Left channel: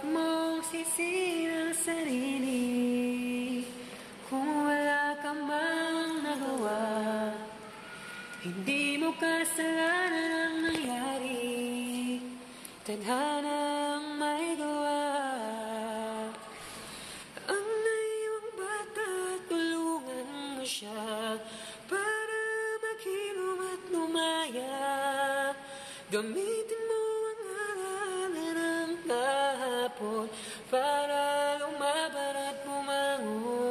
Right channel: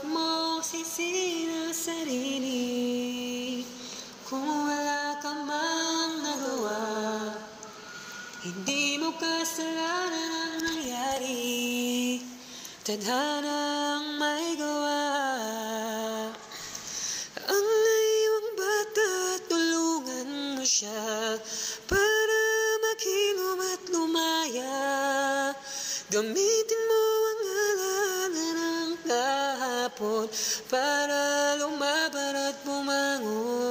Huwag mong sisihin ang sarili kung wala ka mang nagawa. Hindi mo kasalanan ang nangyari, tadhana ang may gawa. Ang naiwang bata, tulungan mo siya para maghilom at lumaya. Gamitin mo ang alaala ng kahapon para lumaban at bumangon.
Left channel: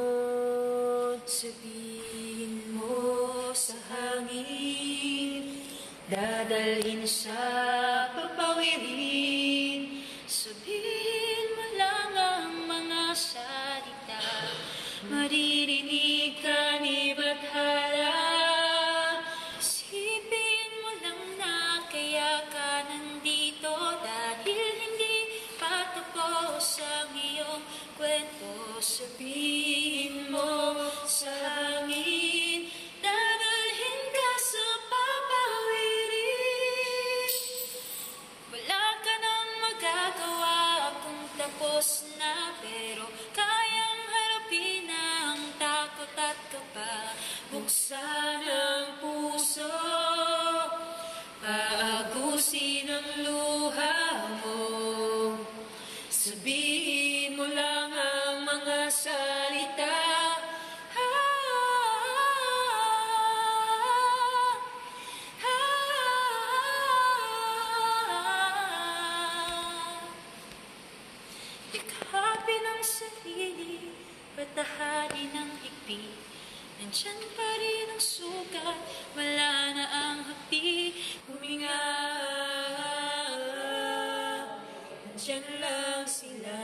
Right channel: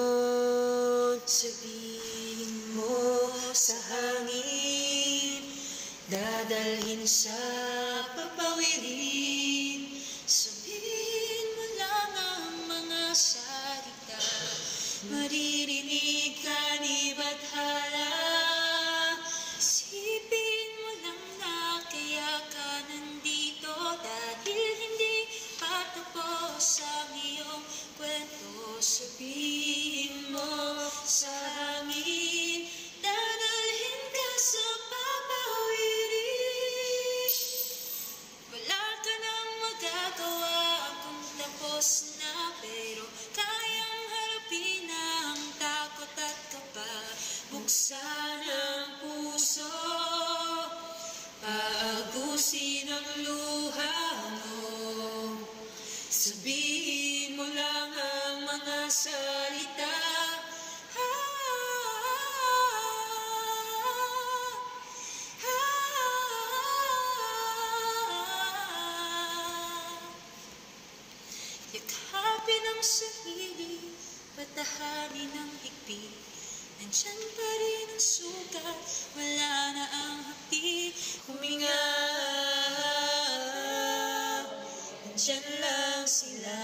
Sabihin mo sa hangin, dadalhin sa papawirin. Sabihin mo lang ang mga salita, maririnig ka ni Bathala. Isipin mo lang na kaya ka nandito dahil hindi pa tapos ang iyong kwento. Sabihin mo sa hangin, dadalhin ka sa papawirin. Wala ka nang magagawa kung tapos na, pero kayang harapin ang takot at kaba. buksan ang puso, paagusin ang luha mo. Sabihin mo lang ang mga salita. Yakapin ang sarili, patahanin ang higpit. Nandyan pa rin ang sugat, wala na ang hapdi. Huminga, nandyan lang sila.